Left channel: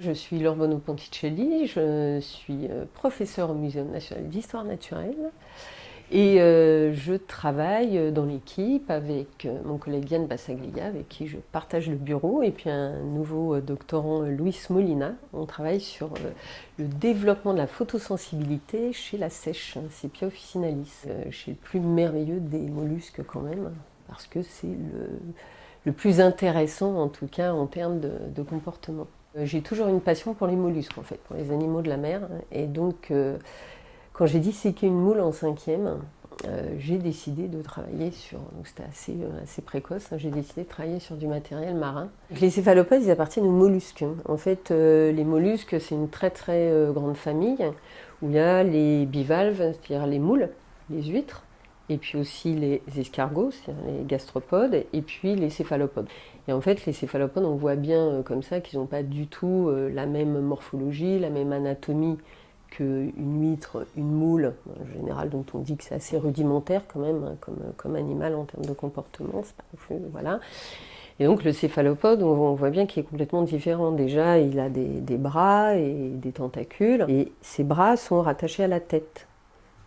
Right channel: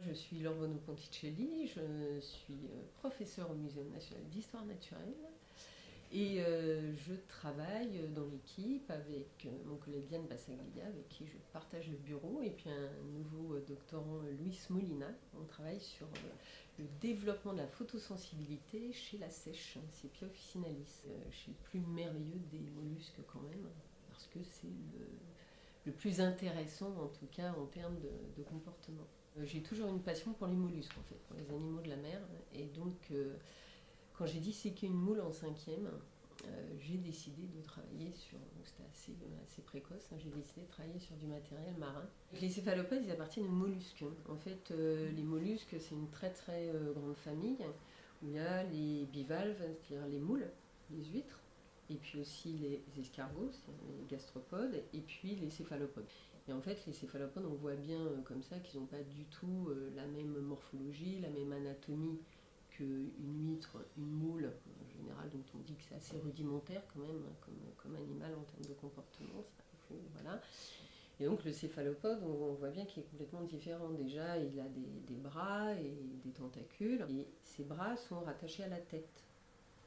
Je suis Laure Bonneau-Ponticelli, je suis professeure au Muséum national d'histoire naturelle et je travaille dans l'équipe avec mon collègue Yann Bassaglia, avec qui je partage le bureau, et puis un nouveau doctorant, Luis Molina. On travaille sur le développement de la photosensibilité chez la seiche, Sepia officinalis, chez le plus merveilleux des mollusques quand même, parce que c'est le plus intéressant en tout cas en termes de comportement. J'ai toujours une passion pour les mollusques en fait, pour les animaux de la mer. Et donc, quand j'ai disséqué une moule en cinquième, j'ai décidé de travailler sur. Donc c'était assez précoce. J'ai décidé de travailler sur du matériel marin. Les céphalopodes, ils appartiennent aux mollusques. En fait, les mollusques, c'est une très grande famille où il y a les bivalves, c'est-à-dire les moules, les huîtres, et puis aussi les escargots, c'est-à-dire les gastropodes, et puis les céphalopodes. Et en fait, les céphalopodes, on voit bien comme ça qu'ils n'ont pas du tout la même morphologie, la même anatomie qu'une huître, une moule, en général, dont on dit que c'est assez rudimentaire quand même, hein, comme animal en termes de comportement. C'est pas plus, voilà. Et donc le céphalopode, on voit bien qu'il est complètement différent. Déjà, il a des bras et des tentacules, et ses bras sont rattachés à la tête.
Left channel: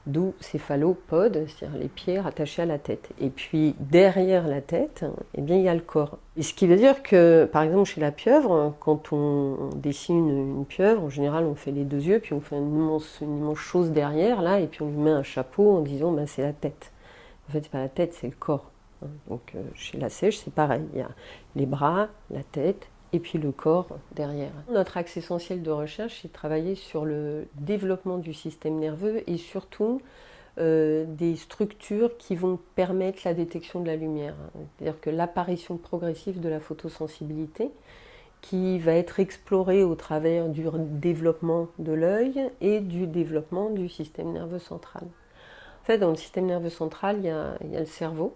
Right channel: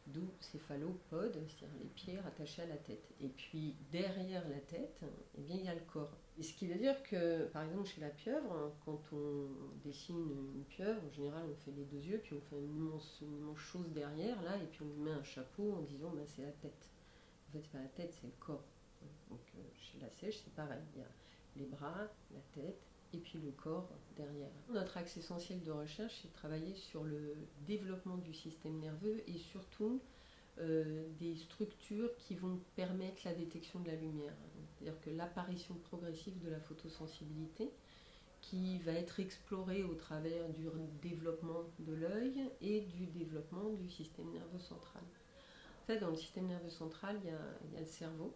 D'où céphalopode, c'est-à-dire les pieds rattachés à la tête. Et puis derrière la tête, eh bien, il y a le corps. Et ce qui veut dire que, par exemple, chez la pieuvre, quand on dessine une pieuvre, en général, on fait les deux yeux, puis on fait une immense chose derrière, là, et puis on lui met un chapeau en disant ben, c'est la tête. En fait, c'est pas la tête, c'est le corps. Donc chez la seiche, c'est pareil. Il y a les bras, la tête, et puis le corps derrière. Notre axe essentiel de recherche, c'est de travailler sur le développement du système nerveux et surtout des structures qui vont permettre la détection de la lumière. C'est-à-dire que l'apparition progressive de la photosensibilité qui va être explorée au travers du développement de l'œil et du développement du système nerveux central. En fait, dans le système nerveux central, il y a le cerveau.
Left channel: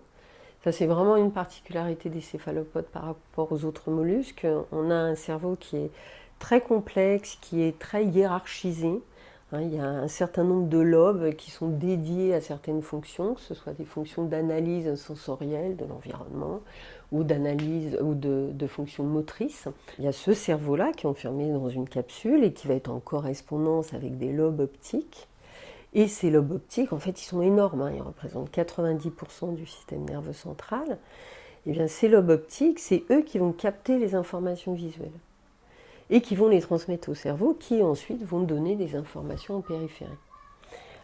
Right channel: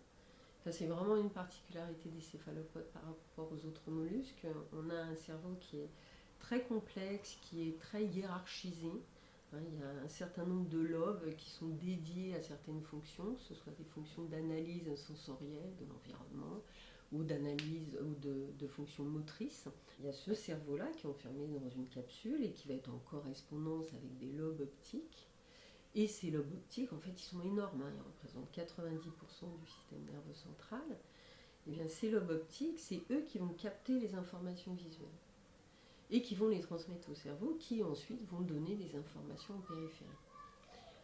Ça, c'est vraiment une particularité des céphalopodes par rapport aux autres mollusques. On a un cerveau qui est très complexe, qui est très hiérarchisé. Il y a un certain nombre de lobes qui sont dédiés à certaines fonctions, que ce soit des fonctions d'analyse sensorielle de l'environnement ou d'analyse ou de fonctions motrices. Il y a ce cerveau-là qui est enfermé dans une capsule et qui va être en correspondance avec des lobes optiques. Et ces lobes optiques, en fait, ils sont énormes, ils représentent 90% du système nerveux central. Et bien, ces lobes optiques, c'est eux qui vont capter les informations visuelles et qui vont les transmettre au cerveau, qui ensuite vont donner des informations en périphérie.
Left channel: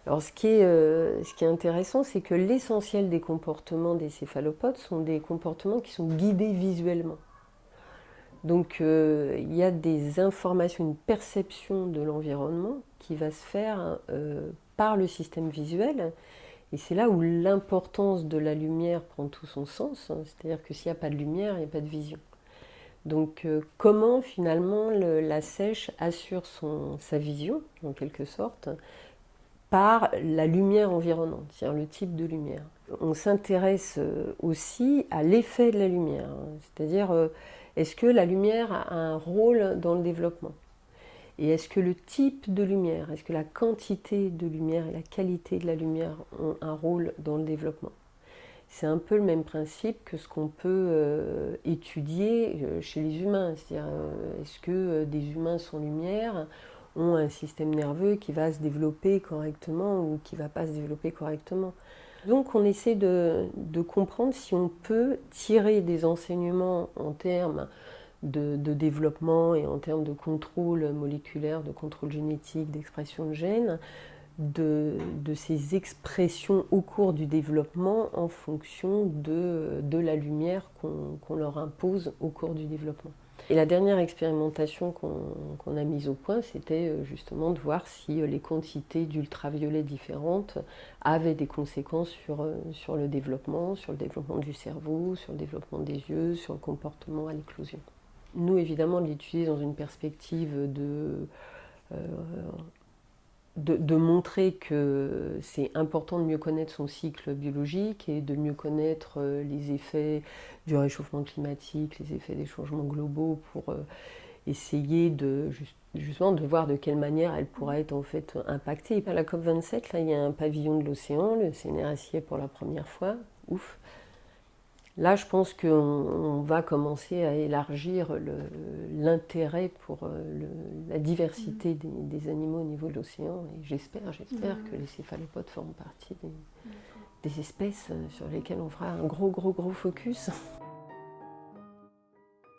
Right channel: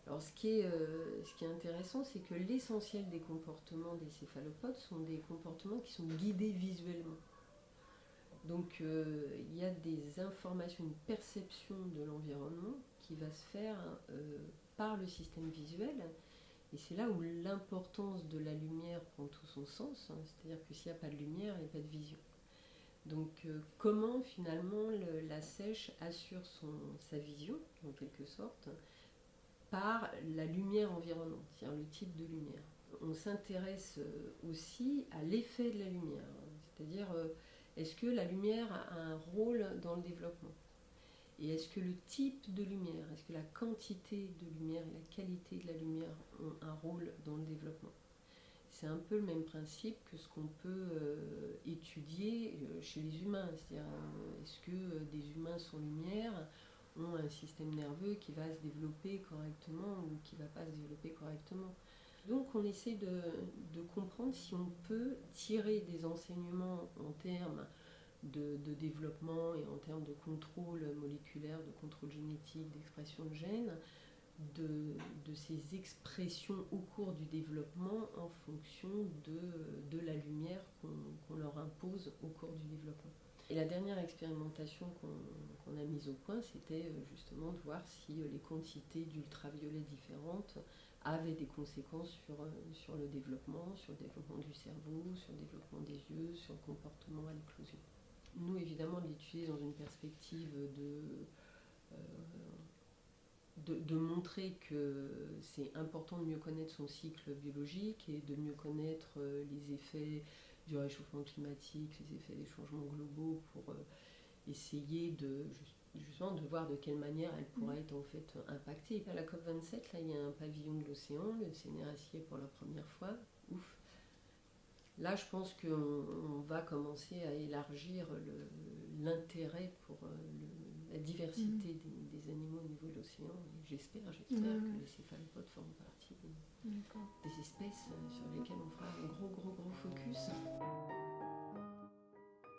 Alors, ce qui est intéressant, c'est que l'essentiel des comportements des céphalopodes sont des comportements qui sont guidés visuellement. Donc, il y a des informations, une perception de l'environnement qui va se faire par le système visuel. Et c'est là où l'importance de la lumière prend tout son sens. C'est-à-dire que s'il n'y a pas de lumière, il n'y a pas de vision. Donc comment finalement la seiche assure sa vision, en quelque sorte, par la lumière environnante, c'est-à-dire le type de lumière. On s'intéresse aussi à l'effet de la lumière, c'est-à-dire est-ce que la lumière a un rôle dans le développement ? Et est-ce que le type de lumière, est-ce que la quantité de lumière et la qualité de la lumière ont un rôle dans le développement ? C'est un peu le même principe que ce qu'on peut étudier chez les humains. C'est-à-dire, est-ce que des humains sans lumière ont un système nerveux qui va se développer correctement ou qui ne va pas se développer correctement ? Donc on essaie de comprendre si on peut tirer des enseignements en termes de développement et en termes de contrôle moléculaire, de contrôle génétique, d'expression de gènes, de ces expressions au cours du développement en fonction de la lumière qu'on leur impose au cours du développement. Et la dernière expérimentation qu'on a mise au point, c'était justement de voir si les quantités d'ultraviolet différentes avaient des conséquences sur le développement du cerveau, sur le développement des yeux, sur le comportement à l'éclosion. Nous, évidemment, de l'étudier dans une perspective de montrer que c'est important de mieux connaître son cycle biologique et de mieux connaître les effets du réchauffement climatique, les effets des changements globaux pour essayer justement de voir de quelle manière elle pourrait être en fait impactée. À la COP27, là, il y a un pavillon de l'océan, le CNRS y est pour la première fois, ouf. Là, je pense qu'on va commencer à élargir l'intérêt pour la diversité des animaux au niveau de l'océan. Et j'espère que les céphalopodes feront partie des espèces sur lesquelles on fera un gros focus.